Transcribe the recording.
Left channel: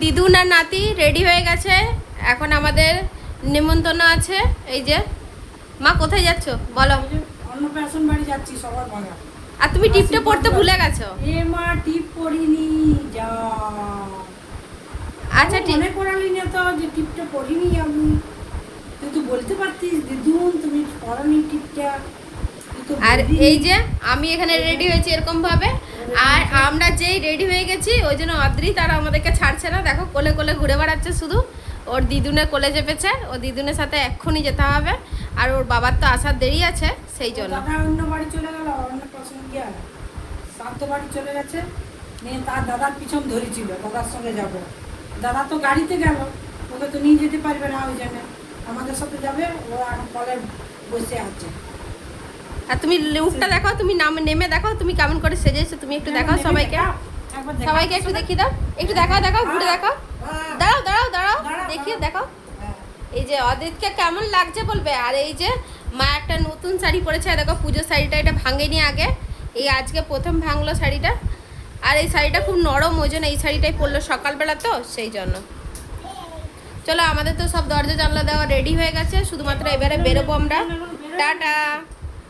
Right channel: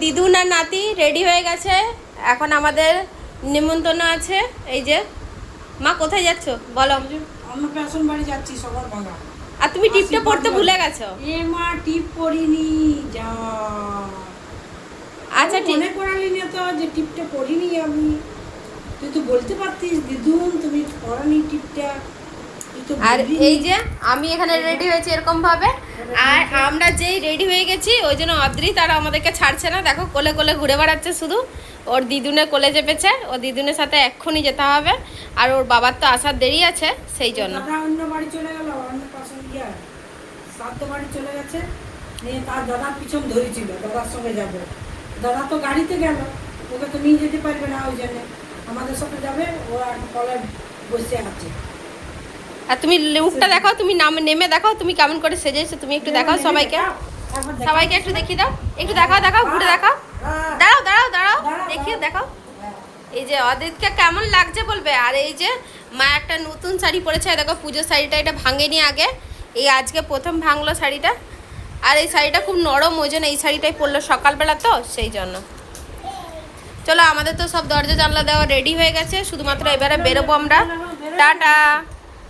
দিদুন আর নাতি রেডি হয়ে গেছে, এখন আমাদের নিমন্ত্রণ আছে। এই যে মা কোথায় যাচ্ছ বলো? অন্নপ্রাশন বাড়ি যাচ্ছি সবার ভাগা। আর তুমি টিপটা পড়তে ভুলে গেছো। এ মা টিপ পড়িনি যা। আচ্ছা ঠিক, মনে করালি না তো যে টিপটা পড়িনি আমি। তুই তো বলতে পারতিস দিদুন তুমি পড়ানি টিপটা। আর এই যে আমি এখানে রেডি হয়েছি এরকম ভাবে, আর আমরা যেই রেডি হয়ে গেছি ওই জন্য অদ্রি তারা আমাদেরকে ছাড়ছে না। দেখো কোলে কোলে ঘুরে বেড়াচ্ছে শুধু, ওর দিদুনের কোলে চেপেছে, ও দিদুনের সাথে এক্ষুনি যেতে হবে, আর ওর বাবার তো আসার দেরি আছে সেই জন্য। অন্য বাড়ি চলে গেল, অন্য পাশন গিয়া সাধ্য বাড়ি চলে গেছে, নিয়ে তার দাদার পিছন ধরেছিল দাদার সঙ্গে যাব। দাদা তো গাড়িতে গেল, ওকে তো নিয়ে যেতে পারবে না, ওই জন্য আমাদের সাথে যাবে। ও এখন কলে বসে আছে। আর তুমি লুকটা দেখো, তুমি নেমে দেখো তুমি কেমন করে সেজেছো, তুমি একটু দেখাও সবাইকে, সবাইকে একটু দেখিয়ে দাও, একটু দেখাও, দেখাও ঘুরে দেখাও, দাঁড়াও দাঁড়াও দাঁড়াও দেখিয়ে দেখাও। এই যে অদিতকে কেমন লাগছে বলবে। আর এই যে মা একটা নতুন শাড়ি পরেছে, দেখো পুজোর শাড়িটা, এটা ভাঙেনি আগে, এই আজকে প্রথম ভাঙলো শাড়িটা। আর এই শাড়িটা খুব নরম, ওই জন্য এই শাড়িটাই পরলো সকালবেলা তো সেই জন্য। চলো আমাদের তো সব দরজা জানলা দেওয়া রেডি হয়ে গেছে, শুধুমাত্র এবারে বেরোবো আমরা। টাটা।